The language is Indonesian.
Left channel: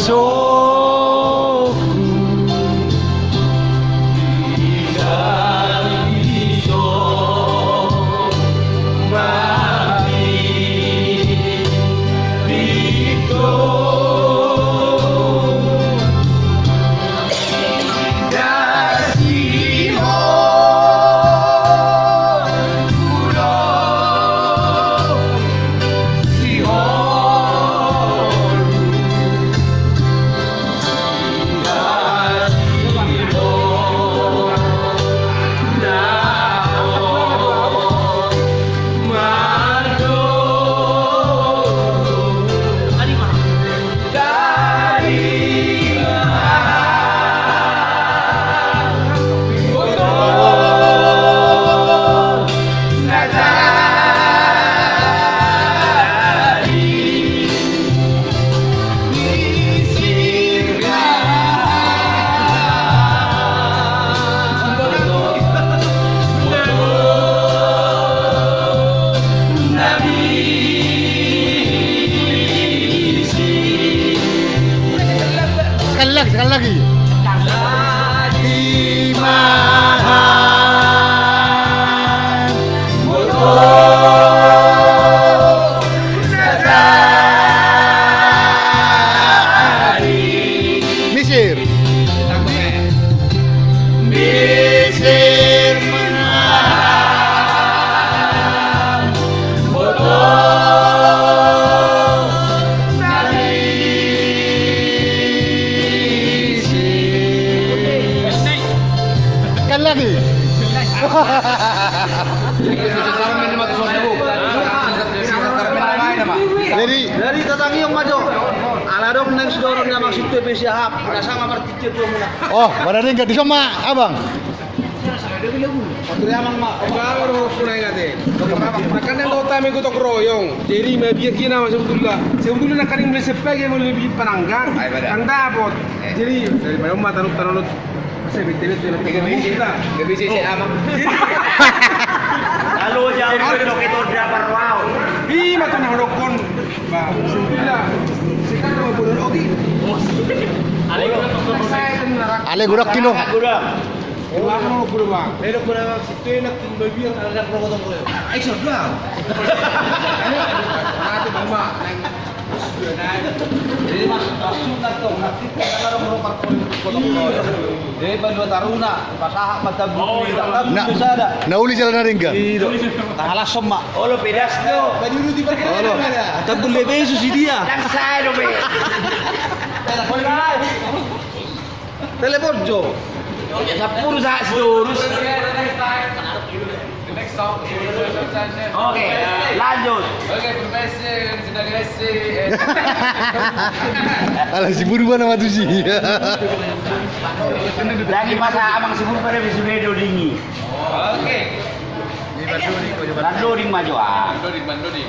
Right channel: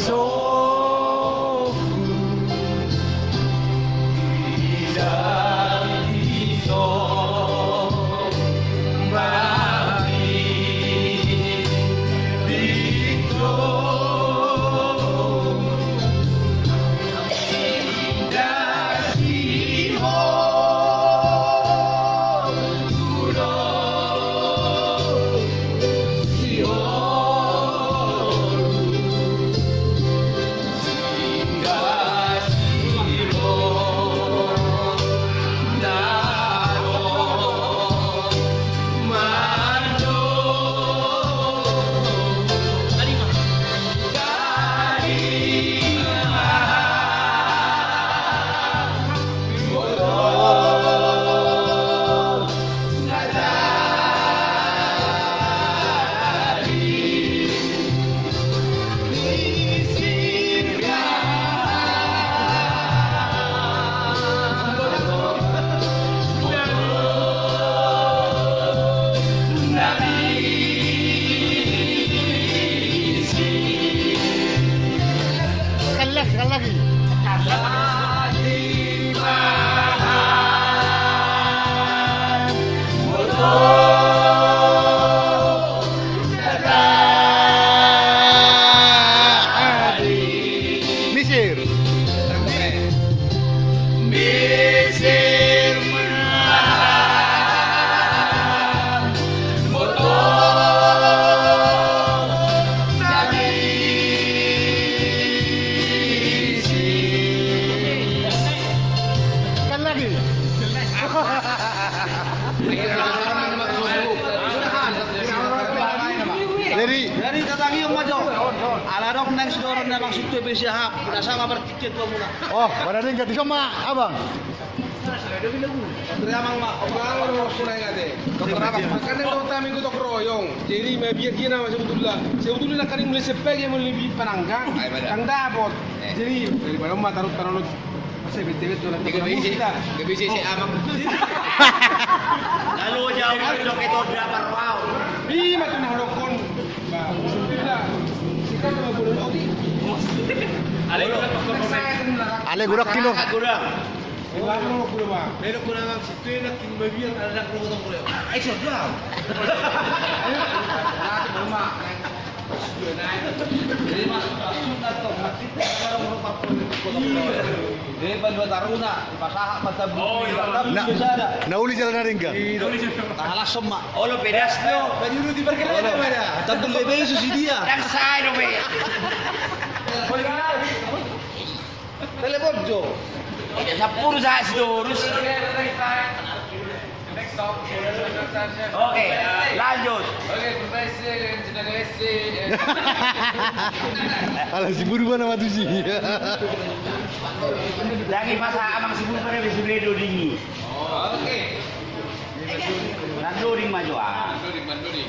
besokku. Sekali lagi. Di mahan Misir. Misir menang sekali lagi. Dari tetangi yang maju. Aladok nang sedorong na maksud TPC hap. Sama bertice tuh mula. Oh, badannya enggak disoma, Abang. Kira mang mak. Kalau sunai ngate. Akan yang utama itu tok royong. Jadi media kina sebetulnya nak kali mulai sebagai mulai lebih penanggang. Tang dapat. Jadi dari bayo mah taruh masih betul betul nak TPC apa? Lalu jauh dari itu udah parwau. Bi mata nak lokon. Ba, sebetulnya sekarang mau bulan ogi. Ale gurak kilo. Ewa mau bulan bang. Pero kurang situ nak baby yang ada protokol boleh. Ayo sudah. Nanti mama Jadi mas sudah tuh nanti kalau mau protokol. Jadi bantu taruna pasaha mata bumi tak bisa ada. Nauli jalan na rin ka? Tahala semua. Oh lo pedas lo. Baju di perkara mana? Tentu bebe susi dia. Kan saya lo be. Telepon Jo. Sapur saya lurus. Oke, lanjut. Oke, profesor sudah diresi. Alah si Buru mana matu sih. Lagi masa amang sibuk pada wisuda dinggi. Oke. Landoding maju ah. Bandoding.